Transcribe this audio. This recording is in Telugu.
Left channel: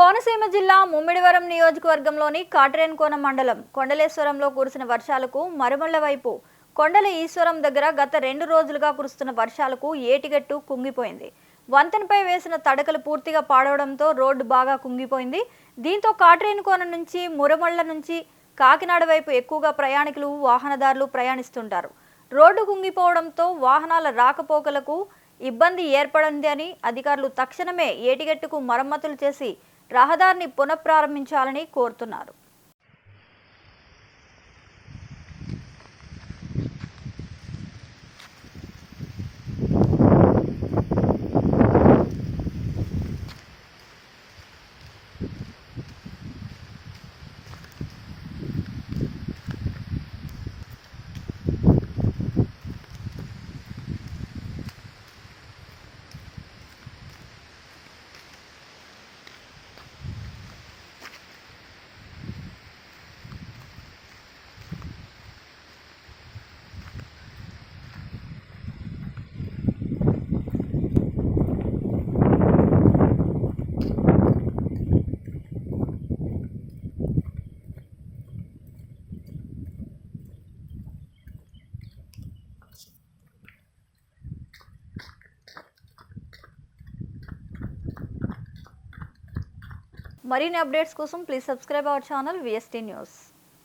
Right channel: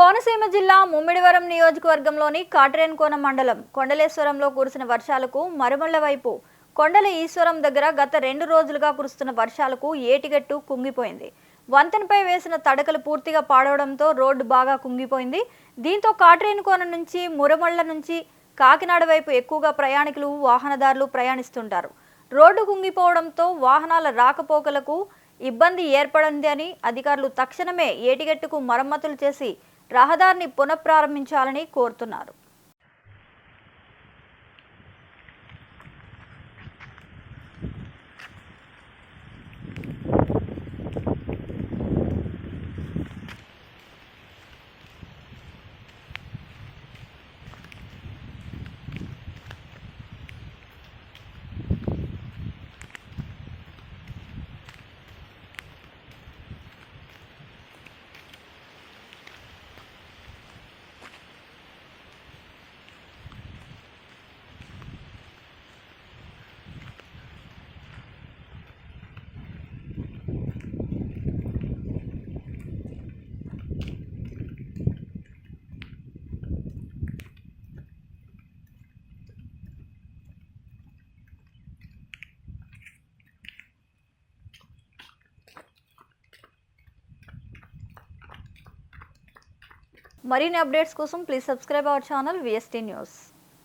కోనసీమ జిల్లా ముమ్మిడివరం నియోజకవర్గంలోని కాట్రేనికోన మండలం కొండలేశ్వరంలో కురిసిన వర్షాలకు మరుమళ్ల వైపు కొండల ఈశ్వరం దగ్గర గత 2 రోజులుగా కురుస్తున్న వర్షాలకు ఏటిగట్టు కుంగిపోయింది. వంతెనపై వేసిన తడకలు పూర్తిగా పాడవడంతో రోడ్డు బాగా కుంగిపోయింది. దీంతో కాట్రేనికోన నుంచి మురమళ్ల నుంచి కాకినాడ వైపు ఎక్కువగా ప్రయాణికులు వాహనదారులు ప్రయాణిస్తుంటారు. రోడ్డు కుంగిపోవడంతో వాహనాల రాకపోకలకు ఇబ్బంది ఏర్పడిందని అధికారులు తక్షణమే ఏటిగట్టుకు మరమ్మతులు చేసి రహదారిని పునఃప్రారంభించాలని కోరుతున్నారు. మరిన్ని అప్డేట్స్ కోసం please subscribe our channel VST news.